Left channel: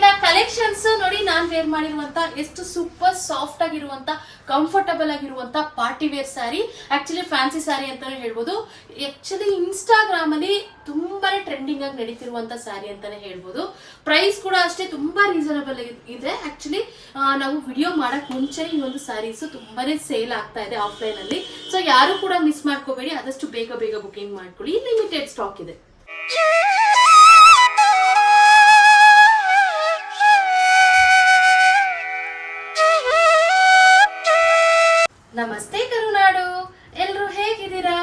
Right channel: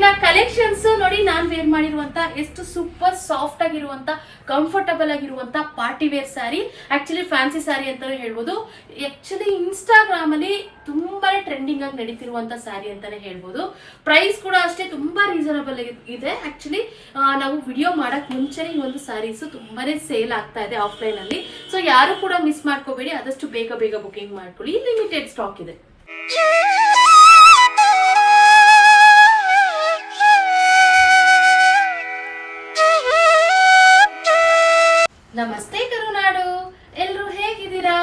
ಇವತ್ತಿನ ಕಲೆಕ್ಷನ್ಸ್ ನೋಡಿ ನಾನು ವೇರ್ ಮಾಡಿರುವಂತ ಎಷ್ಟು ಸೂಪರ್ ಸಾಫ್ಟ್ ಆಗಿರುವಂತ ಕಂಫರ್ಟಬಲ್ ಆಗಿರುವಂತ party wear sari actually fancy sari ಅಂತಾನೆ ಹೇಳ್ಬೋದು. ಆಕ್ಚುಲಿ ಇನ್ಸ್ಟಾಗ್ರಾಮ್ ಅಲ್ಲಿ ತುಂಬಾನೇ ಟ್ರೆಂಡಿಂಗ್ ಆಗಿ ನಡೀತಿರುವಂತ ಸ್ಯಾರಿ ಅಂತಾನೆ ಹೇಳ್ಬೋದು. ಪ್ರೈಸ್ ಕೂಡ ಅಷ್ಟೇ ತುಂಬಾ ರೀಸನಬಲ್ ಇದೆ. ಆಕ್ಚುಲಿ ನಾವು ವಿಡಿಯೋ ಮಾಡಕ್ ಮುಂಚೆ ಈ ಒಂದು ಸಾರೀಸ್ ತುಂಬಾನೇ ಸೇಲ್ ಆಗ್ತಾ ಇದೆ ಆಫ್ಲೈನ್ ಅಲ್ಲಿ. ಸೊ ಯಾರು ಕೂಡ ಮಿಸ್ ಮಾಡ್ಕೋಬೇಡಿ, ಆದಷ್ಟು ಬೇಗ ಬೇಗ ಬುಕಿಂಗ್ ಮಾಡ್ಕೊಳ್ಳಿ. ಲಿಮಿಟೆಡ್ ಸ್ಟಾಕ್ ಇದೆ. ನಮಸ್ತೆ ಕರುನಾಡು. ಎಲ್ಲರೂ ಹೇಗಿದ್ದೀರಾ?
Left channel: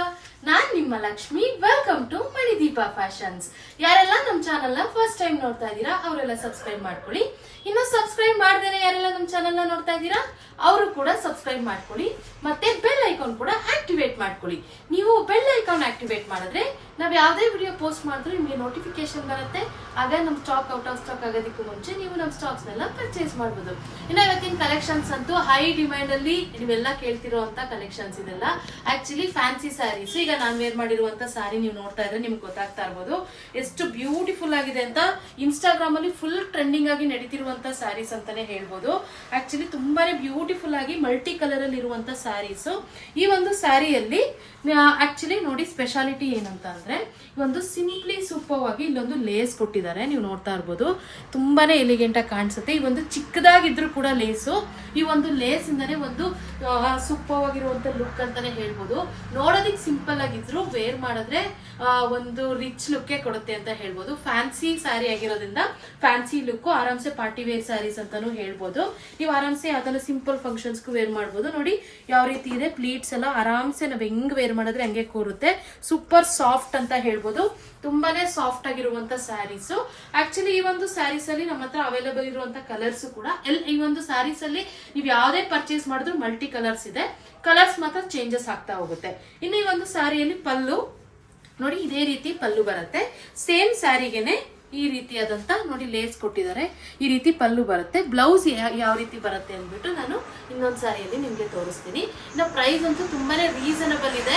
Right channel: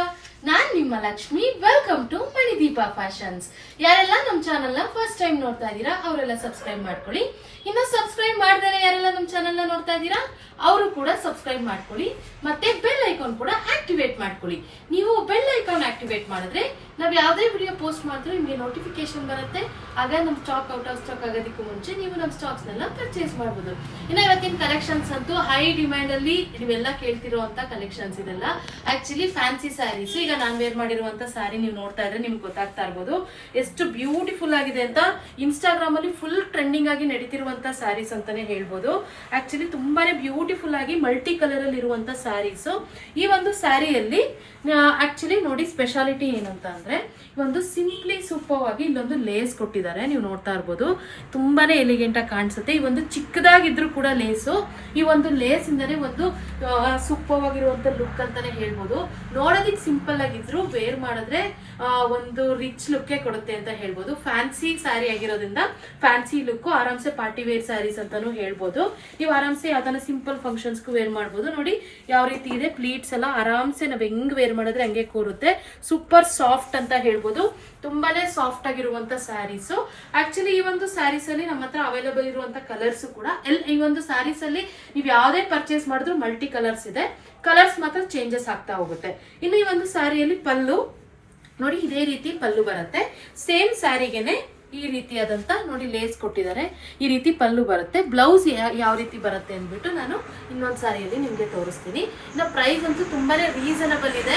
ನಾನ್ ನಿಮ್ಮ Lakshmi. Welcome to Manideepa fashions ಯಾರೆಲ್ಲ ನಮ್ಮ ಚಾನೆಲ್ನ ಫಸ್ಟ್ ಟೈಮ್ ನೋಡ್ತಾ ಇದ್ದೀರಾ, ಅವರೆಲ್ಲ ಸಬ್ಸ್ಕ್ರೈಬ್ ಮಾಡ್ಕೊಳ್ಳಿ. ಇನ್ನು ಸಬ್ಸ್ಕ್ರೈಬ್ ಮಾಡ್ದೇನೆ ಯಾರೆಲ್ಲ ನಮ್ಮ ಚಾನೆಲ್ನ ನೋಡ್ತಾ ಇದ್ದೀರಾ, ಅವರು ಕೂಡ ಸಬ್ಸ್ಕ್ರೈಬ್ ಮಾಡ್ಕೊಳ್ಳಿ. ಮತ್ತೆ ಬೆಲ್ ಐಕಾನ್ ಕೂಡ ಆಕ್ಟಿವೇಟ್ ಮಾಡ್ಕೊಳ್ಳಿ. ನೀವು ಬೆಲ್ ಐಕಾನ್ ಆಕ್ಟಿವೇಟ್ ಮಾಡಿದ್ರೆ ನಾವ್ ಯಾವುದೇ ವಿಡಿಯೋ ಪೋಸ್ಟ್ ಮಾಡಿದ್ರು ನಿಮಗೆ ನೋಟಿಫಿಕೇಶನ್ ಬರುತ್ತೆ. ಆಗ ನಮ್ ಸ್ಟಾಕ್ ಔಟ್ ಆಫ್ ಸ್ಟಾಕ್ ಆಗೋದಕ್ಕೂ ಮುಂಚೆ ನೀವು ನಮ್ಮ ಸ್ಟಾಕ್ಸ್ ನೆಲ್ಲ ಪರ್ಚೇಸ್ ಮಾಡ್ಬೋದು. ಇನ್ನು ಇವತ್ತಿನ ಕಲೆಕ್ಷನ್ಸ್ ಅಂತೂ ಹೈ ಡಿಮ್ಯಾಂಡ್ ಅಲ್ಲಿ ನೀವೆಲ್ಲ ಕೇಳ್ತಿರುವಂತ ಕಲೆಕ್ಷನ್ಸ್ ಇದೆಲ್ಲ. ಆಕ್ಚುಲಿ ಫ್ಯಾನ್ಸಿ ಸ್ಯಾರೀಸ್ ಈಗ ನಾನು ವೇರ್ ಮಾಡಿರುವಂತ ಸ್ಯಾರಿ ನೀವು ನೋಡ್ತಾ ಇದ್ರೆ ನಿಮ್ಗೆ ಗೊತ್ತಾಗ್ತಾ ಇರ್ಬೋದು. ಎಷ್ಟು ಬ್ಯೂಟಿಫುಲ್ ಆಗಿದೆ ಅಂತ ಇನ್ಸ್ಟಾಗ್ರಾಮ್ ಅಲ್ಲಿ ಫುಲ್ ಟ್ರೆಂಡಿಂಗ್ ಆಗಿ ನಡೀತಿರುವಂತ ಸ್ಯಾರೀಸ್ ಅಂತಾನೆ ಹೇಳ್ಬೋದು. ಆಕ್ಚುಲಿ ತುಂಬಾನೇ ಬ್ಯೂಟಿಫುಲ್ ಆಗಿ ಮಲ್ಟಿ ಕಲರ್ ಅಲ್ಲಿ ಇರುವಂತ ಸ್ಯಾರೀಸ್ ಈ ಒಂದು ಸ್ಯಾರಿಯಲ್ಲಿ ಆಕ್ಚುಲಿ ನೋಡಿ ಸ್ಪೆಷಾಲಿಟಿ ಏನಂತ ಅಂದ್ರೆ ಒಂದು ಸಿಂಪ್ಲಿ ಆಗಿ ಇಲ್ಲೊಂದು ಲೇಸ್ ಕೊಟ್ಟಿದ್ದಾರೆ. ನೀವು ನೋಡ್ತಾ ಇರ್ಬೋದು. ತುಂಬಾನೇ ಎಲಿಗೆಂಟ್ ಆಗಿ ಕಾಣಿಸುತ್ತೆ. ಈ ಒಂದು ಚಿಕ್ಕದಾಗಿದ್ರು ಕೂಡ ಲೇಸು ಈ ಒಂದು ಲೇಸ್ ಇಂದನೇ ಒಂದು ಸೂಪರ್ ಆಗಿರುವಂತ ಲುಕ್ ಅಂತಾನೆ ಹೇಳ್ಬೋದು. ನೋಡೋದಿಕ್ ಸಿಂಪಲ್ ಆಗಿದ್ರು ವೇರ್ ಮಾಡಿದ್ರೆ ಒಂದು ರಿಚ್ ಲುಕ್ ಕೊಡುತ್ತೆ ಅಂತ ಹೇಳ್ಬೋದು. ಫ್ಯಾನ್ಸಿ ಸ್ಯಾರಿ ಆಗಿರೋದ್ರಿಂದ ಫ್ಯಾನ್ಸಿ ಲುಕ್ ಆರಾಮ್ಸೆ ಪಾರ್ಟಿ ವೇರ್ ಸ್ಯಾರೀಸ್ ಅಂತಾನು ಹೇಳ್ಬೋದು. ನೀವು ಆರಾಮ್ಸೆ ಯಾವ್ದಾನ ಸಿಂಪಲ್ ಫಂಕ್ಷನ್ಸ್ಗೂ ವೇರ್ ಮಾಡ್ಬೋದು. ನೋಡಿ, ಯಾವ ರೀತಿ ಇದೆ. ಪ್ಲೀಟ್ಸ್ ಎಲ್ಲ ಆರಾಮ್ಸೆ ನಾವ್ ಹೆಂಗ್ ವೇರ್ ಮಾಡಿದ್ರೆ ಹಂಗೆ ಕೂರುತ್ತೆ. ಸೂಪರ್ ಸಾಫ್ಟ್ ಅಂತ ಹೇಳ್ಬೋದು. ತುಂಬಾನೇ ಸಾಫ್ಟ್ ಆಗಿರುವಂತ ಸ್ಯಾರೀಸ್ ಆಕ್ಚುಲಿ ಈ ಒಂದು ಸ್ಯಾರೀಸ್ ಅಲ್ಲಿ ನಮ್ಮ ಹತ್ರ ಅವೈಲೇಬಲ್ ಇರುವಂತ ಕಲರ್ಸ್ ಕೂಡ ಎಲ್, ಈ ಒಂದು ಸ್ಯಾರೀಸ್ ಅಲ್ಲಿ ನೀವು ಯಾವ್ದೇ ಪರ್ಚೇಸ್ ಮಾಡಿದ್ರು ಮಲ್ಟಿ ಕಲರ್ಸ್ ಇದೆ. ಕಲರ್ಸ್ ಮಾತ್ರ ಚೇಂಜಸ್ ಆಗ್ತಾ ಹೋಗುತ್ತೆ. ಇನ್ನು ಈ ಒಂದು ಸ್ಯಾರಿಯಲ್ಲಿ ಪಲ್ಲು. ನೋಡಿ, ಇದೇ ರೀತಿ ಪಲ್ಲು ಬರುತ್ತೆ. ಸೇಮ್ ಸ್ಯಾರಿಗೆನೆ ಈ ರೀತಿಯಾದಂತ ನೋಡಿ ಲೇಸ್ ಕೊಟ್ಟಿದ್ದಾರೆ. ಈ ರೀತಿ ಪಲ್ಲು ಬರುತ್ತೆ. ಬ್ಲೌಸ್ ಯಾವ ರೀತಿ ಬರುತ್ತೆ ಅಂದ್ಬಿಟ್ಟು ನಾನು ಇನ್ನೊಂದ್ ಸಾರಿಯಲ್ಲಿ ನಿಮ್ಗೆ ತೋರಿಸ್ತೀನಿ. ಇನ್ನು ಪ್ರೈಸ್ ಅಂತೂ ತುಂಬಾನೇ ರೀಸನಬಲ್ ಇದೆ.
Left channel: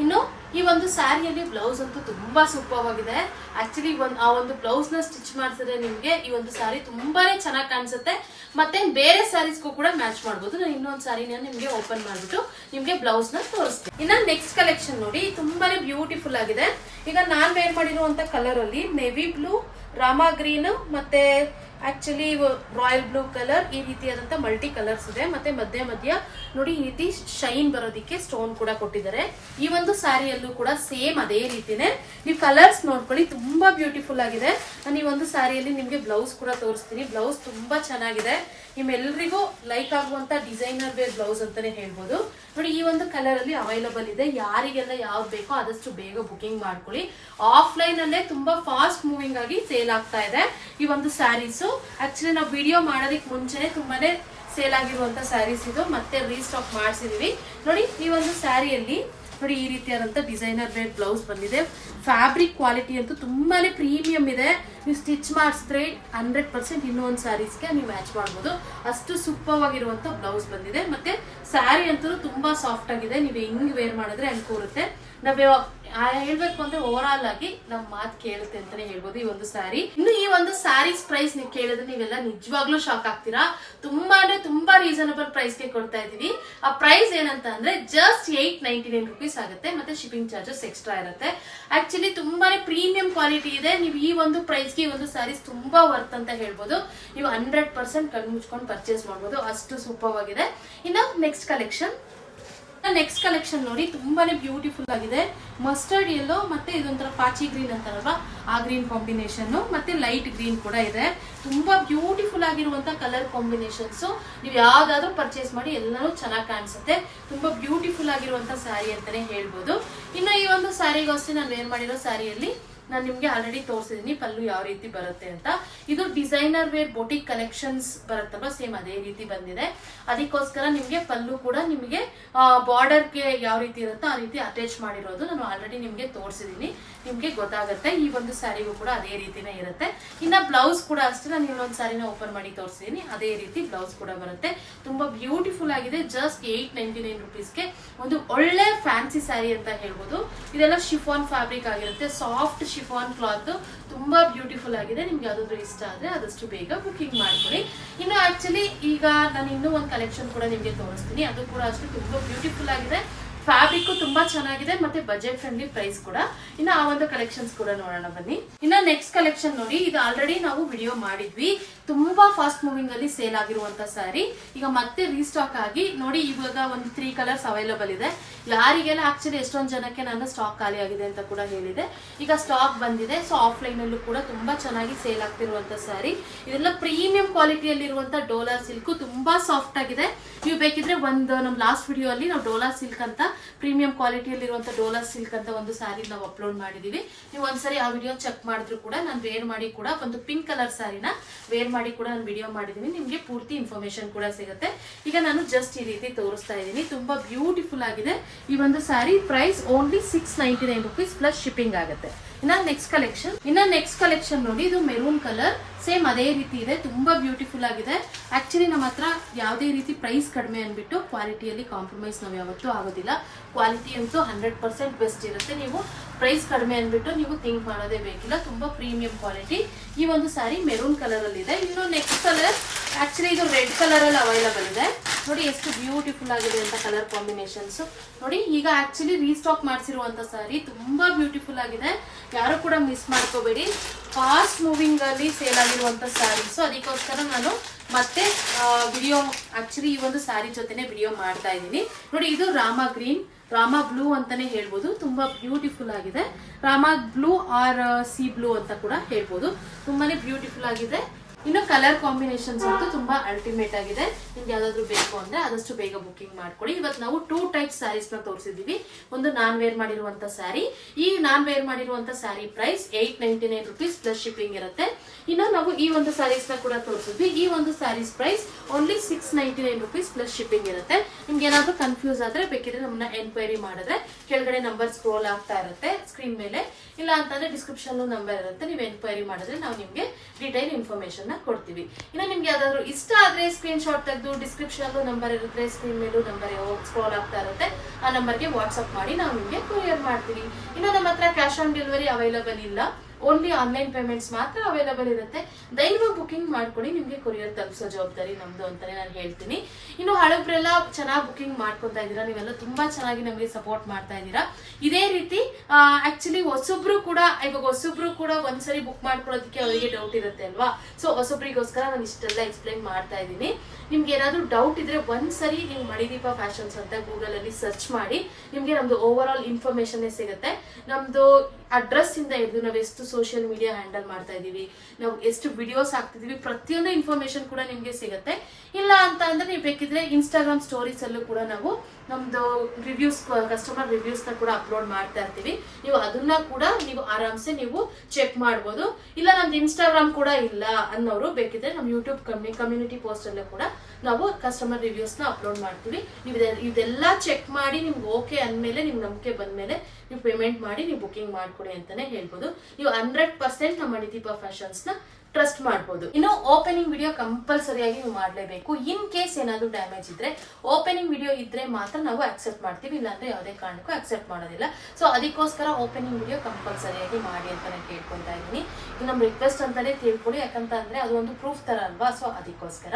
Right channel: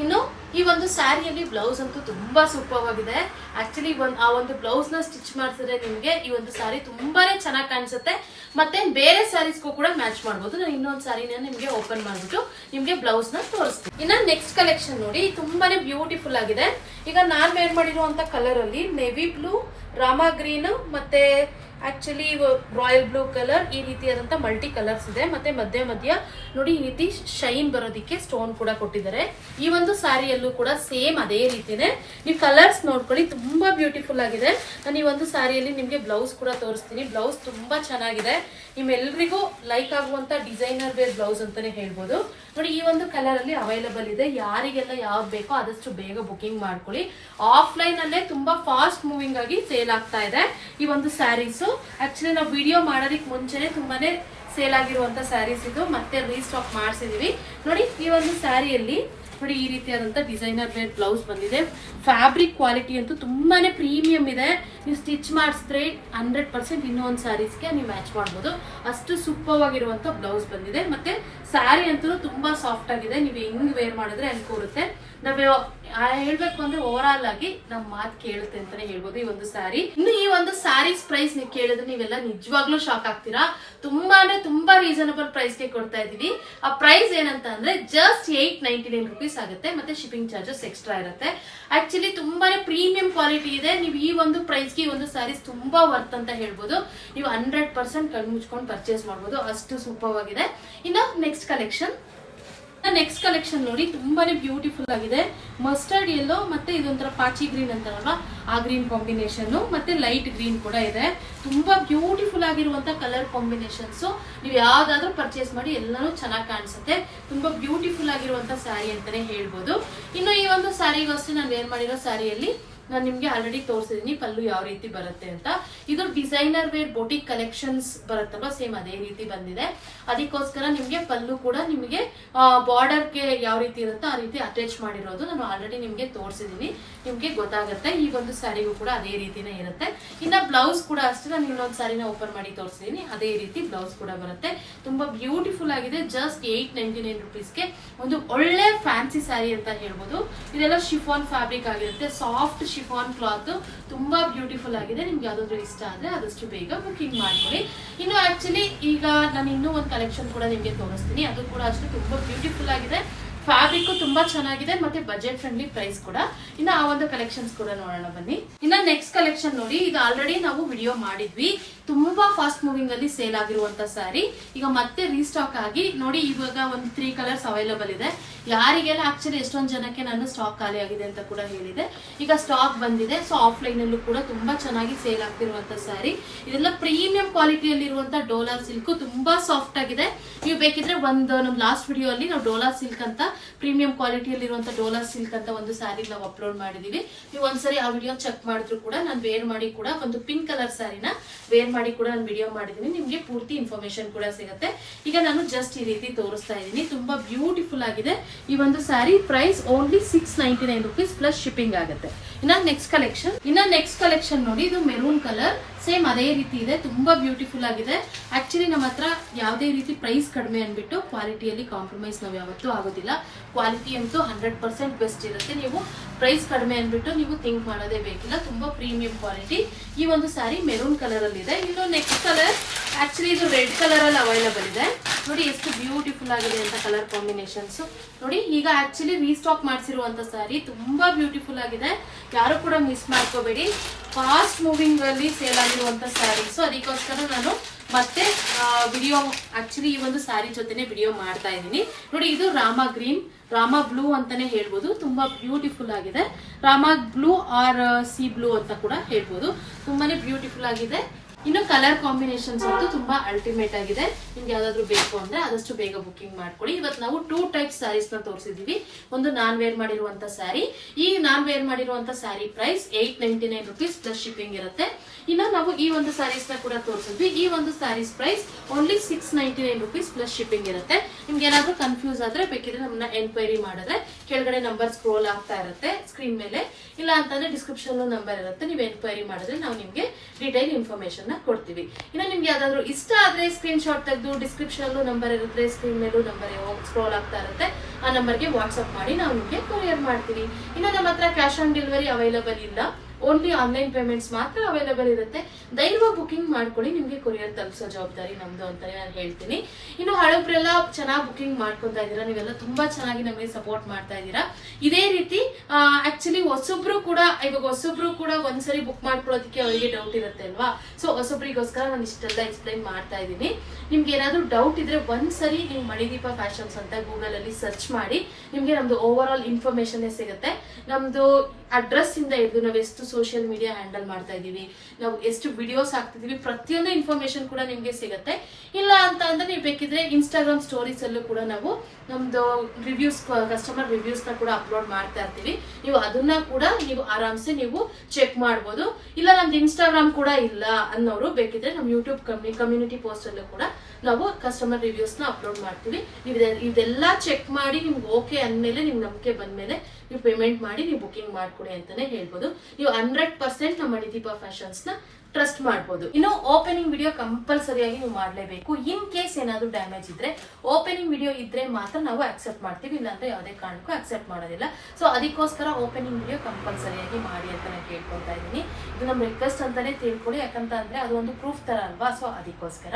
ಇನ್ನು ಈ ಒಂದು ಸ್ಯಾರಿಯಲ್ಲಿ ಬ್ಲೌಸ್ ಅಂತೂ ತುಂಬಾ ಸೂಪರ್ ಆಗಿದೆ ಆಕ್ಚುಲಿ ಒಂದು ಆ ಒಂದು ಬ್ಲೌಸ್ನ ಸ್ಟಿಚ್ ಮಾಡಿಸಿದ್ರೆ ನಿಮ್ಗೆ ಈ ಒಂದು ಸ್ಯಾರಿ ತುಂಬಾನೇ ಚೆನ್ನಾಗಿ ಕಾಣಿಸುತ್ತೆ. ಮತ್ತೆ ಬೇರೆ ಸ್ಯಾರೀಸ್ಗೂ ಕೂಡ ಮ್ಯಾಚ್ ಮಾಡಬಹುದು ನಾನು ಇನ್ನೊಂದು ಸ್ಯಾರಿನ ನಿಮ್ಗೆ ಓಪನ್ ಮಾಡ್ಬಿಟ್ಟು ನಿಮ್ಗೆ ಬ್ಲೌಸ್ನ ತೋರಿಸ್ತೀನಿ. ಇನ್ನ ನೆಕ್ಸ್ಟ್ ಕಲೆಕ್ಷನ್ ನೋಡಿ, ತುಂಬಾನೇ ಬ್ಯೂಟಿಫುಲ್ ಆಗಿದೆ. ಈಗ ನಾನ್ ವೇರ್ ಮಾಡಿರುವಂತ ಕಲರ್ ಅಲ್ಲಿ ನೆವಿ ಬ್ಲೂ ರಾಮ ಗ್ರೀನ್ ಮತ್ತೆ ಆಕ್ಚುಲಿ ರಾಯಲ್ ಬ್ಲೂ ಕಲರ್ ಈ ರೀತಿಯಾದಂತ ಮಲ್ಟಿ ಕಲರ್ಸ್ ಇದೆ. ಮತ್ತೆ ಮಧ್ಯ ಮಧ್ಯ ನೋಡಿ ಈ ರೀತಿ ಶೈನ್ ಬರೋದಿಕ್ಕೆ ಸ್ಟೋನ್ ಕೂಡ ಕೊಟ್ಟಿದ್ದಾರೆ. ಈ ಒಂದು ಸ್ಯಾರಿಯಲ್ಲೂ ಕೂಡ ಸೇಮ್ ಅದೇ ರೀತಿನೇ. ನೀವು ಕಲರ್ಸ್ ನೋಡ್ಕೊಳ್ಳಿ, ತುಂಬಾ ಬ್ಯೂಟಿಫುಲ್ ಆಗಿದೆ. ನಾನು ಈ ಒಂದು ಸ್ಯಾರಿಯಲ್ಲಿ ನಿಮ್ಗೆ ಬ್ಲೌಸ್ ಕೂಡ ತೋರಿಸ್ತೀನಿ. ಬ್ಲೌಸ್ ತುಂಬಾ ಚೆನ್ನಾಗಿದೆ. ನಿಮ್ಮೆಲ್ಲರಿಗೂ ಲೈಕ್ ಆಗುವಂತ ಡಿಸೈನರ್ ವೇರ್ ಬ್ಲೌಸ್ ಅಂತಾನೆ ಹೇಳ್ಬೋದು. ನೋಡಿ, ಈ ಒಂದು ಕಲರ್ ಅಲ್ಲಿ ಅವೈಲಬಲ್ ಇದೆ. ಯಾರಿಗೆಲ್ಲ ಯಾವ್ದು ಬೇಕೋ ಆದಷ್ಟು ಬೇಗ ಬುಕಿಂಗ್ ಮಾಡ್ಕೊಳ್ಳಿ. ಆಫ್ಲೈನ್ ಅಲ್ಲೇ ತುಂಬಾ ಫಾಸ್ಟ್ ಮೂವಿಂಗ್ ಆಗಿ ಸೇಲ್ ಆಗ್ತಾ ಇದೆ ಈ ಒಂದು ಸ್ಯಾರೀಸ್ ಆಕ್ಚುಲಿ ನಾವು ವಿಡಿಯೋ ಮಾಡೋದಕ್ಕೆ ಮುಂಚೆನೆ ತುಂಬಾನೇ ಸೇಲ್ ಆಗಿರುವಂತ ಸ್ಯಾರೀಸ್ ಇದು. ಮತ್ತೆ ರೀಸ್ಟಾಕ್ ಮಾಡಿಸಿದೀವಿ. ನೋಡಿ, ಈ ಒಂದು ಸ್ಯಾರಿಯಲ್ಲಿ ನೋಡಿ, ಈ ರೀತಿಯಾದಂತ ಡಿಸೈನರ್ ವೇರ್ ಬ್ಲೌಸ್ ಬಂದಿದೆ. ಫ್ಯಾಬ್ರಿಕ್ ಕ್ವಾಲಿಟಿ ಅಂತೂ ತುಂಬಾನೇ ಪ್ರೀಮಿಯಂ ಇದೆ. ನೀವು ಸ್ಟಿಚ್ ಮಾಡಿಸಿದ್ರೆ ಹಂಡ್ರೆಡ್ ಪರ್ಸೆಂಟ್ ಇನ್ನೊಂದು ಸ್ಯಾರೀಸ್ಗೆ ನೀವು ಮ್ಯಾಚ್ ಮಾಡ್ಬೋದು. ಅಷ್ಟು ಸೂಪರ್ ಆಗಿರುವಂತ ಬ್ಲೌಸ್ ಬಂದಿದೆ. ಮತ್ತೆ ಸ್ಯಾರಿ ಅಂತೂ ತುಂಬಾ ಸಾಫ್ಟ್ ಆಗಿದೆ. ನೀವು ಹೆಂಗ್ ವೇರ್ ಮಾಡಿದ್ರೆ ಹಂಗ್ ಕೂರುತ್ತೆ. ನಾವು ಹೇಳ್ಬೇಕು ಅಂದ್ರೆ ಓವರ್ ಆಲ್ ಆಗಿ ನಮ್ ಮಾತ್ ಕೇಳುತ್ತೆ ಅಂತಾನೆ ಹೇಳ್ಬೋದು ಈ ಒಂದು ಸ್ಯಾರಿ ಇನ್ನು ಈ ಒಂದು ಸ್ಯಾರೀಸ್ ಪ್ರೈಸ್ ನೀವು ಕೇಳಿದ್ರೆ ನೀವೆಲ್ಲ ನಿಜವಾಗ್ಲೂ ಶಾಕ್ ಆಗ್ತೀರಾ? ತುಂಬಾ ಅಂದ್ರೆ ತುಂಬಾ ರೀಸನಬಲ್ ಪ್ರೈಸ್ಗೆ ಕೊಡ್ತಾ ಇದೀವಿ ಆ ಪ್ರೈಸ್ ಏನಂತ ಅಂದ್ರೆ just at ninety nine rupees ಆಗುತ್ತೆ, ಮತ್ತೆ ಶಿಪ್ಪಿಂಗ್ ಚಾರ್ಜಸ್ ಎಕ್ಸ್ಟ್ರಾ ಇರುತ್ತೆ. ಆಕ್ಚುಲಿ ತುಂಬಾನೇ ಪ್ರೀಮಿಯಂ ಕ್ವಾಲಿಟಿ ಇದೆ. ನೀವು ಈ ಒಂದು ಪ್ರೈಸ್ಗೆ ಈ ಒಂದು ಸ್ಯಾರೀಸ್ ತುಂಬಾ ವರ್ತ್ ಅಂತ ಹೇಳ್ಬೋದು. ನೀವು ಹಂಡ್ರೆಡ್ ಪರ್ಸೆಂಟ್ ಕಣ್ಣು ಮುಚ್ಕೊಂಡು ಪರ್ಚೇಸ್ ಮಾಡ್ಬೋದು. ಅಷ್ಟು ಸೂಪರ್ ಆಗಿದೆ. ಇನ್ನು ನೆಕ್ಸ್ಟ್ ಕಲೆಕ್ಷನ್ ನೆಕ್ಸ್ಟ್ ಕಲೆಕ್ಷನ್ ನೋಡಿ, ತುಂಬಾನೇ ಬ್ಯೂಟಿಫುಲ್ ಆಗಿದೆ. ಮಸ್ಟರ್ಡ್ ಯೆಲ್ಲೋ ಮತ್ತೆ ಇದೊಂಥರ ಪಾಚಿ ಗ್ರೀನ್ ಅಂತಾರಲ್ವಾ? ಆ ಗ್ರೀನ್ ಕಾಂಬಿನೇಷನ್ ಮತ್ತೆ ಲೈಟ್ ಗ್ರೀನ್ ಕೂಡ ಇದೆ. ತುಂಬಾ ಬ್ಯೂಟಿಫುಲ್ ಆಗಿರುವಂತ ಕಲರ್ ಕಾಂಬಿನೇಷನ್ಸ್ ನೀವು ಯಾವ್ದಾದ್ರು ಪರ್ಚೇಸ್ ಮಾಡಿ, ಎಲ್ಲಾನು ಚೆನ್ನಾಗಿ ಕಾಣಿಸುತ್ತೆ. ತುಂಬಾ ಬ್ಯೂಟಿಫುಲ್ ಆಗಿರುವಂತ ಸ್ಯಾರಿ ಅಂತಾನೆ ಹೇಳ್ಬೋದು. ಇನ್ನು ಈ ಒಂದು ಸ್ಯಾರಿಗೋಸ್ಕರ ನಾನು ವೇರ್ ಮಾಡಿರೋ ಸ್ಯಾರಿಯಲ್ಲಿ ನಾನು ನಿಮ್ಗೆ ಆಲ್ರೆಡಿ ತೋರಿಸಿದೀನಿ, ಪಲ್ಲು ಯಾವ ರೀತಿ ಬರುತ್ತೆ ಅಂತ. ಇದು ಡಿಸೈನರ್ ವೇರ್ ಬೋಟಿಕ್ ಕಲೆಕ್ಷನ್ಸ್ ಬರುತ್ತಲ್ವ? ಸೇಮ್ ಅದೇ ರೀತಿ ಬಂದಿದೆ. ಅದಕ್ಕೋಸ್ಕರ ನಿಮ್ಗೆ ಪಲ್ಲು ಕೂಡ ನಿಮಗೆ ಬಾರ್ಡರ್ಗೆ ಯಾವ ರೀತಿ ಇರುತ್ತೋ ಆ ರೀತಿ ಅಟ್ಯಾಚ್ ಮಾಡಿರೋದು ನಾನು ಆಲ್ರೆಡಿ ನಿಮ್ಗೆ ತೋರಿಸಿದೀನಿ. ನಿಮ್ಗೆ ಗೊತ್ತಾಗುತ್ತೆ. ಈ ಒಂದು ಸ್ಯಾರಿಗೂ ಕೂಡ ಅದೇ ರೀತಿನೇ ಇರುತ್ತೆ. ಇನ್ನ ಬ್ಲೌಸ್ ಕೂಡ ಅಷ್ಟೇ ನಾನು ಇನ್ನೊಂದು ಸ್ಯಾರಿನ ಓಪನ್ ಮಾಡಿ ತೋರಿಸಿದೀನಿ. ಅದೇ ರೀತಿ ಬ್ಲೌಸ್ ಕೂಡ ಬರುತ್ತೆ. ತುಂಬಾ ಬ್ಯೂಟಿಫುಲ್ ಆಗಿದೆ. ಜಸ್ಟ್ ಏಟ್ ನೈಂಟಿ ನೈನ್ ರುಪೀಸ್ಗೆ ಒಂದು ಒಳ್ಳೆ ಫ್ಯಾನ್ಸಿ ಸ್ಯಾರಿ ಅಂತ ಹೇಳ್ಬೋದು. ಇದೆಲ್ಲ ಶಿಫಾನ್ ಫ್ಯಾಬ್ರಿಕ್ ಆಗಿರುತ್ತೆ. ಸಾಫ್ಟ್ ಶಿಫಾನ್ ಕ್ಲಾತ್ ತುಂಬಾ ಬ್ಯೂಟಿಫುಲ್ ಆಗಿದೆ. ನಿಮ್ಗೆ ಯಾವ್ದಾದ್ರು ಇಷ್ಟ ಆದ್ರೆ ಆದಷ್ಟು ಬೇಗ ಬುಕಿಂಗ್ ಮಾಡ್ಕೊಳ್ಳಿ ಇನ್ನು ಆಕ್ಚುಲಿ ಈಗ ನಾನು ಇನ್ನೂ ಒಂದು ಕಲೆಕ್ಷನ್ ಕೂಡ ನಿಮ್ಗೆ ತೋರಿಸ್ತೀನಿ. ಅದು ಕೂಡ ಅಷ್ಟು ತುಂಬಾ ಬ್ಯೂಟಿಫುಲ್ ಆಗಿದೆ. ಫ್ಯಾಬ್ರಿಕ್ ತುಂಬಾ ಚೆನ್ನಾಗಿದೆ, ಮತ್ತೆ ಬಜೆಟ್ ಫ್ರೆಂಡ್ಲಿ ಪ್ರೈಸ್ ಕೂಡ. ಇನ್ನ ಆ ಒಂದು ಕಲೆಕ್ಷನ್ಸ್ ಕೂಡ ನೋಡೋಣ ಬನ್ನಿ. ಇನ್ನ ನೆಕ್ಸ್ಟ್ ಕಲೆಕ್ಷನ್ ನೋಡಿ, ಇದು ಆಲ್ರೆಡಿ ನಾವು ವಿಡಿಯೋ ಮಾಡಿದ್ವಿ. ತುಂಬಾ ಫಾಸ್ಟ್ ಮೂವಿಂಗ್ ಅಲ್ಲಿ ಸೇಲ್ ಆಗಿರುವಂತ ಸ್ಯಾರಿ ಈಗ ಮತ್ತೆ ರೀಸ್ಟಾಕ್ ಆಗಿ, ನೋಡಿ ಇವಾಗ ಒಂದು ತ್ರೀ ಕಲರ್ಸ್ ಅವೈಲಬಲ್ ಇದೆ. ಯಾರಿಗೆಲ್ಲ ಆಕ್ಚುಲಿ ಎಷ್ಟೊಂದು ಜನಕ್ಕೆ ನಾನು ಸ್ಟಾಕ್ ಖಾಲಿ ಆಗಿದೆ ಅಂತ ಕೂಡ ಹೇಳಿದೆ. ಈಗ ಸ್ಟಾಕ್ ಬಂದಿದೆ ಸೊ ಆಫ್ಲೈನ್ ಅಲ್ಲೂ ಕೂಡ ತುಂಬಾ ಚೆನ್ನಾಗಿ ಸೇಲ್ ಆಗ್ತಿರುವಂತ ಸ್ಯಾರಿ ಇದೆಲ್ಲ ಪ್ರೀಮಿಯಂ ಕ್ವಾಲಿಟಿಯಲ್ಲಿರುವಂತ ಡೋಲಾ ಸಿಲ್ಕ್ ತುಂಬಾ ಸಾಫ್ಟ್ ಆಗಿದೆ. ನೀವು ಬೇಕಿದ್ರೆ ಒಂದು ನಮ್ಮ ಲಾಸ್ಟ್ ವಿಡಿಯೋ ಅಲ್ಲಿ ನಾವು ಡೋಲಾ ಸಿಲ್ಕ್ ಅಂತ ಪ್ರೀಮಿಯಂ ಕ್ವಾಲಿಟಿಯಲ್ಲಿರುವಂತ ಡೋಲರ್ ಸಿಲ್ಕ್ ಅಂತ ಒಂದು ಸ್ಯಾರಿ ನಾವು ಅಪ್ಲೋಡ್ ಮಾಡಿದೀವಿ. ನೀವು ಒಂದ್ಸರಿ ಆ ವಿಡಿಯೋ ಚೆಕ್ ಮಾಡಿದ್ರು ಕೂಡ ನಾನು ವೇರ್ ಮಾಡಿ ಕೂಡ ಒಂದು ಪಿಂಕ್ ಕಲರ್ ಸ್ಯಾರಿನ ವೇರ್ ಮಾಡಿ ಕೂಡ ನಾನು ವಿಡಿಯೋ ಮಾಡಿದೀನಿ. ನಿಮ್ಗೆ ಪೂರ್ತಿ ಇನ್ಫಾರ್ಮೇಶನ್ ಕೂಡ ಸಿಗುತ್ತೆ. ಈಗ ನಾನು ಜಸ್ಟ್ ಈ ರೀತಿ ತೋರಿಸ್ತಾ ಇದ್ದೀನಿ. ತುಂಬಾ ಬ್ಯೂಟಿಫುಲ್ ಆಗಿದೆ. ಈ ಒಂದು sari price only six ninety nine rupees plus shipping ಆಗುತ್ತೆ. ಇನ್ನ ನೆಕ್ಸ್ಟ್ ಕಲೆಕ್ಷನ್ ಇನ್ನ ನೆಕ್ಸ್ಟ್ ಕಲೆಕ್ಷನ್ ನೋಡಿ, ಇದು ಮೆರೂನ್ ಕಲರ್ ಸೇಮ್ ಅದೇ ರೀತಿ ಇದೆ, ತುಂಬಾ ಬ್ಯೂಟಿಫುಲ್ ಆಗಿದೆ. ಆಕ್ಚುಲಿ ನಮ್ಮ ಹತ್ರ ಯಾವುದೇ ರೀತಿ ಪ್ರೈಸ್ ಕಡಿಮೆ ಅಂದ್ಬಿಟ್ಟು ಕ್ವಾಲಿಟಿಯಲ್ಲಿ ಕಾಂಪ್ರಮೈಸ್ ನಾವು ಯಾವತ್ತೂ ಆಗೋದಿಲ್ಲ. ಕ್ವಾಲಿಟಿ ಅಂತೂ ಹಂಡ್ರೆಡ್ ಪರ್ಸೆಂಟ್ ಬೆಸ್ಟ್ ಇರುತ್ತೆ. ನೀವು ಪ್ರೈಸ್ ಕಡಿಮೆ ಅಂದ್ಬಿಟ್ಟು ನೀವು ಥಿಂಕ್ ಮಾಡೋದೇ ಬೇಕಿಲ್ಲ, ತುಂಬಾ ಪ್ರೀಮಿಯಂ ಕ್ವಾಲಿಟಿ. ಈ ಒಂದು ಸ್ಯಾರಿ ಮೆರೂನ್ ಕಲರ್ ಅಲ್ಲಿ ಇದೆ. ಇನ್ನು ನೆಕ್ಸ್ಟ್ ಕಲರ್ ಆಕ್ಚುಲಿ ಇದು ರೆಡ್ ಕಲರ್ ಅಲ್ಲಿ ಅವೈಲಬಲ್ ಇದೆ. ನೋಡಿ ಎಷ್ಟು ಬ್ಯೂಟಿಫುಲ್ ಆಗಿದೆ ಅಂತ ಕಲರ್ ಕಾಂಬಿನೇಷನ್ಸ್ ನೋಡಿ, ಈಗ ಆಕ್ಚುಲಿ ರೀಸ್ಟಾಕ್ ಮಾಡಿಸಿರುವಂತ ಸ್ಯಾರಿ ತುಂಬಾ ಬ್ಯೂಟಿಫುಲ್ ಆಗಿದೆ. ಯಾರು ಕೂಡ ಮಿಸ್ ಮಾಡ್ಕೋಬೇಡಿ. ಫಾಸ್ಟ್ ಮೂವಿಂಗ್ ಅಲ್ಲಿ ಸೇಲ್ ಆಗಿರುವಂತ ಸ್ಯಾರೀಸ್ ಅದಕ್ಕೋಸ್ಕರ ನಾನು ಮತ್ತೆ ವಿಡಿಯೋ ಆಕ್ಚುಲಿ ಈ ಒಂದು ಸ್ಯಾರಿ ಜೊತೆನೆ ವಿಡಿಯೋ ಮಾಡ್ತಾ ಇದ್ದೀನಿ. ನೋಡಿ, ಇದು ರಾಮ ಗ್ರೀನ್ ರಾಮ ಬ್ಲೂ ಅಂತಾನೆ ಹೇಳ್ಬೋದು. ತುಂಬಾ ಬ್ಯೂಟಿಫುಲ್ ಆಗಿದೆ. Rama blue R C blue ಅಂತ ಕೂಡ ಹೇಳ್ಬೋದು. ತುಂಬಾನೇ ಬ್ಯೂಟಿಫುಲ್ ಆಗಿದೆ. ಇನ್ನು ಕಲರ್ ಕಾಂಬಿನೇಷನ್ಸ್ ಅಂತೂ ತುಂಬಾ ಅಲ್ಟಿಮೇಟ್ ಆಗಿದೆ. ನಿಮ್ಗೆ ಯಾವ್ದಾದ್ರು ಬೇಕು ಅಂದ್ರೆ ಆದಷ್ಟು ಬೇಗ ಬುಕಿಂಗ್ ಮಾಡ್ಕೊಡಿ. ಇವತ್ತು ನಾವು ಟೂ ಟೈಪ್ ಸ್ಯಾರೀಸ್ನ ತೋರಿಸಿದೀವಿ. ಒಂದು ನಾನ್ ವೇರ್ ಮಾಡಿರುವಂತ ಸ್ಯಾರಿ ಈ ನಾನ್ ವೇರ್ ಮಾಡಿರುವಂತ sari price at ninety nine rupees plus shipping ಇರುತ್ತೆ. ಇನ್ನು ನಾವು ಈ ಒಂದು ಸ್ಯಾರೀಸ್ನ ಕೂಡ ತೋರಿಸಿದ್ವಿ. ಈ ಒಂದು saris price only six ninety nine rupees plus shipping ಇರುತ್ತೆ. ನಿಮ್ಗೆ ಏನಾದ್ರೂ ಕನ್ಫ್ಯೂಸ್ ಆದ್ರೆ ಬೇಕಿದ್ರೆ ನಮ್ಮನ್ನ ಎನ್ಕ್ವೈರಿ ಮಾಡಿದ್ರೆ ಕೆಳಗಡೆ ನಂಬರ್ ಸ್ಕ್ರೋಲ್ ಆಗ್ತಾ ಇರುತ್ತೆ ಸ್ಕ್ರೀನ್ ಮೇಲೆ. ಇಲ್ಲ ಅಂತಂದ್ರೆ ಡಿಸ್ಕ್ರಿಪ್ಷನ್ ನಂಬರ್ ಇರುತ್ತೆ. ನೀವು ಎನ್ಕ್ವೈರಿ ಮಾಡಿದ್ರೆ ನಾವು ನಿಮ್ಗೆ ಡೀಟೈಲ್ ಇನ್ಫಾರ್ಮೇಶನ್ ಕೊಡ್ತೀವಿ. ಇನ್ನು ನಿಮ್ಗೆ ಯಾವ್ದಾದ್ರು ಇಷ್ಟ ಆದ್ರೆ ಸ್ಕ್ರೀನ್ ಶಾಟ್ ತೆಗೆದು ಡಿಸ್ಕ್ರಿಪ್ಷನ್ ಅಲ್ಲೂ ನಂಬರ್ ಇರುತ್ತೆ ಸ್ಕ್ರೀನ್ ಮೇಲೂ ನಂಬರ್ ಸ್ಕ್ರೋಲ್ ಆಗ್ತಾ ಇರುತ್ತೆ. ಆ ನಂಬರ್ಗೆ ವಾಟ್ಸ್ಆಪ್ ಮಾಡಿ ನಾವು ನಿಮ್ಗೆ ಕೊರಿಯರ್ ಮಾಡ್ತೀವಿ. ಇನ್ನು ನಮ್ಮ ಹತ್ರ ಕ್ಯಾಶ್ ಆನ್ ಡೆಲಿವರಿ ಅವೈಲಬಲ್ ಇಲ್ಲ. ಓನ್ಲಿ ಆನ್ಲೈನ್ ಪೇಮೆಂಟ್ಸ್ ಮಾತ್ರ ಅವೈಲಬಲ್ ಇರುತ್ತೆ. ದೈವ ಬುಕಿಂಗ್ ಮಾಡ್ಕೊಳ್ಳಿ, ನಿಮ್ಗೆ ಕೊರಿಯರ್ ತಲುಪಿಸೋ ಜವಾಬ್ದಾರಿ ನಮ್ದು ಅಂತಾನೆ ನಾನು ಹೇಳ್ತೀನಿ. ಇನ್ನು ಹಳಬ್ರೆಲ್ಲ ಚೆನ್ನಾಗಿ ಬುಕಿಂಗ್ ಮಾಡ್ಕೊತಾ ಇದ್ದೀರಾ? ನೀವೆಲ್ಲ ತುಂಬಾ ಚೆನ್ನಾಗಿ ನಮಗೆ ಸಪೋರ್ಟ್ ಮಾಡ್ತಾ ಇದ್ದೀರಾ? ಇದೇ ರೀತಿ ಆಕ್ಚುಲಿ ಹೊಸೊಬ್ರು ಕೂಡ, ಇವಾಗ ಹೊಸೊಬ್ರು ಕೂಡ ಒಂದ್ಸರಿ ಬುಕ್ ಮಾಡ್ಕೊಳ್ಳೋದಕ್ಕೆ ಅವರಿಗೆ ಡೌಟ್ ಇರುತ್ತೆ ಅಲ್ವಾ? ಸೊ ಹೊಸೊಬ್ರಿಗೋಸ್ಕರ ನಾನು ಇಷ್ಟೆಲ್ಲ ಎಕ್ಸ್ಪ್ಲೈನ್ ಮಾಡ್ತಾ ಇದ್ದೀನಿ. ನಿಮ್ಗೆ ಏನಾದ್ರು ಡೌಟ್ ಇದ್ರೆ ಒಂದ್ಸರಿ ನೀವು ಮಣಿದೀಪ ಫ್ಯಾಷನ್ಸ್ ಅಂತ ಗೂಗಲ್ ಅಲ್ಲಿ ಸರ್ಚ್ ಮಾಡಿ, ನಿಮ್ಗೆ ನಮ್ದು ಓವರ್ ಆಲ್ ಇನ್ಫಾರ್ಮೇಶನ್ ಸಿಗುತ್ತೆ. ನಮ್ದು ಅಡ್ರೆಸ್ ಇಂದ ಹಿಡಿದು ನಾವು ಸೋಷಿಯಲ್ ಮೀಡಿಯಾ ಹ್ಯಾಂಡಲ್ ಮಾಡ್ತಾ ಇದೀವಿ. ನಾವು ಎಷ್ಟು ವಿಡಿಯೋಸ್ ಹಾಕ್ತಿದೀವಿ, ಪ್ರತಿಯೊಂದು ಇನ್ಫಾರ್ಮೇಶನ್ ಕೂಡ ನಿಮ್ಗೆ ಸಿಗುತ್ತೆ. ಇಲ್ಲ ಅಂತ ಅಂದ್ರೆ ನೀವು ಬೇಕಿದ್ರೆ ಇನ್ಸ್ಟಾಗ್ರಾಮ್ ಸ್ಟೋರೀಸ್ ಅಲ್ಲೂ ಕೂಡ ನಾವು ನಮ್ದು ರಿವ್ಯೂಸ್ ಕಸ್ಟಮರ್ ರಿವ್ಯೂಸ್ನ ಕೂಡ ಅಪ್ಲೋಡ್ ಮಾಡ್ತಾ ಇರ್ತೀವಿ. ನೀವು ಅದನ್ನ ಕೂಡ ನೀವು ಆರಾಮ್ಸೆ ನೀವು ಚೆಕ್ ಮಾಡ್ಬೋದು. ಇಲ್ಲ ನಮ್ಗೆ ಇನ್ಸ್ಟಾಗ್ರಾಮ್ ಕೂಡ ಇಲ್ಲ ಅನ್ನೋರು ಬೇಕಿದ್ರೆ ನಮ್ಮ ಯೂಟ್ಯೂಬ್ ಕಮ್ಯುನಿಟಿ ಪೋಸ್ಟ್ ಅಲ್ಲೂ ಕೂಡ ನಾವು ಕಸ್ಟಮರ್ ರಿವ್ಯೂಸ್ನ ಅಪ್ಲೋಡ್ ಮಾಡ್ತೀವಿ. ನೀವು ಇದೆಲ್ಲ- ಚೆಕ್ ಮಾಡಿ ನಿಮ್ಗೆ ಓಕೆ ಅಂದಮೇಲೆ ನಿಮ್ ನಂಬಿಕೆ ಬಂದ್ಮೇಲೆ ನೀವು ಪೇಮೆಂಟ್ ಮಾಡಿ ನೀವು ಬುಕಿಂಗ್ ಮಾಡ್ಕೊಡಿ ಅಂತಾನೆ ಹೇಳ್ಬೋದು. ನೀವು ಹಂಡ್ರೆಡ್ ಪರ್ಸೆಂಟ್ ನಮ್ಮ ಫ್ಯಾಷನ್ಸ್ನ ಟ್ರಸ್ಟ್ ಮಾಡ್ಬೋದು. ಇನ್ನು ಓಪನಿಂಗ್ ವಿಡಿಯೋ ಕಂಪಲ್ಸರಿಯಾಗಿ ನೀವು ಮಾಡಲೇಬೇಕು. ಇನ್ ಕೇಸ್ ಏನಾದರೂ ಡ್ಯಾಮೇಜ್ ಇದ್ರೆ ಓಪನಿಂಗ್ ವಿಡಿಯೋ ಇದ್ರೆ ಮಾತ್ರ ನಾವು ಅಕ್ಸೆಪ್ಟ್ ಮಾಡ್ತೀವಿ. ಇಲ್ಲಾಂದ್ರೆ ಯಾವುದೇ ಕಾರಣಕ್ಕೂ ಅಕ್ಸೆಪ್ಟ್ ಮಾಡೋದಿಲ್ಲ. ಸೊ ಅದಕ್ಕೋಸ್ಕರ ಓಪನಿಂಗ್ ವಿಡಿಯೋ ಕಂಪಲ್ಸರಿಯಾಗಿ ಮಾಡಿ ಅಂತ ನಾನು ಕೇಳ್ಕೊತಾ ಇದ್ದೀನಿ. ಇದು ನಮ್ಮ ರಿಕ್ವೆಸ್ಟ್ ಅಂತಾನೆ ತಿಳ್ಕೊಳ್ಳಿ. ಯಾಕಂತ ಅಂದ್ರೆ ಅದು ಒಂದು ಪ್ರೂಫ್ ತರ ಅಲ್ವಾ? ಸೊ ಅದಕ್ಕೋಸ್ಕರ.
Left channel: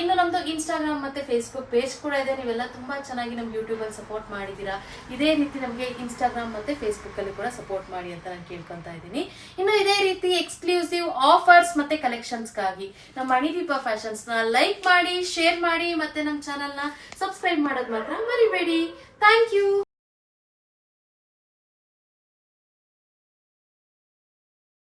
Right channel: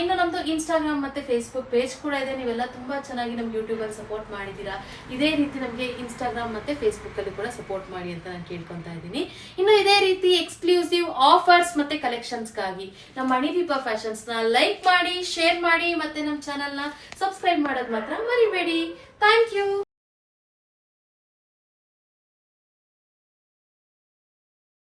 ಇನ್ನು ನಮ್ದು ಇನ್ಸ್ಟಾಗ್ರಾಮ್ ಮತ್ತೆ ಫೇಸ್ಬುಕ್ ಪೇಜ್ ಕೂಡ ಇದೆ. ನೀವೆಲ್ಲ ತುಂಬಾ ಚೆನ್ನಾಗಿ ನಮ್ಮ ಯೂಟ್ಯೂಬ್ ಅಲ್ಲಿ ಸಪೋರ್ಟ್ ಮಾಡಿದ್ದೀರಾ. ಇದೇ ರೀತಿ ನಮಗೆ ಇನ್ಸ್ಟಾಗ್ರಾಮ್ ಮತ್ತೆ ಫೇಸ್ಬುಕ್ ಅಲ್ಲಿ ಕೂಡ ಸಪೋರ್ಟ್ ಮಾಡಿ ಅಂತ ನಾನು ಕೇಳ್ಕೊಂತಾ ಇದ್ದೀನಿ. ಇನ್ನು ಇದೇ ರೀತಿ ಎಕ್ಸ್ಕ್ಲೂಸಿವ್ ಆಫರ್ಸ್ ಮತ್ತೆ ಕಲೆಕ್ಷನ್ಸ್ಗಾಗಿ ನಮ್ಮ ಮಣಿದೀಪ ಫ್ಯಾಷನ್ಸ್ನ ಲೈಕ್ ಮಾಡಿ ಶೇರ್ ಮಾಡಿ ಮತ್ತೆ ನಮ್ಮ ಚಾನಲ್ನ ಸಬ್ಸ್ಕ್ರೈಬ್ ಮಾಡೋದು ಮಾತ್ರ ಮರಿಬೇಡಿ. Thank you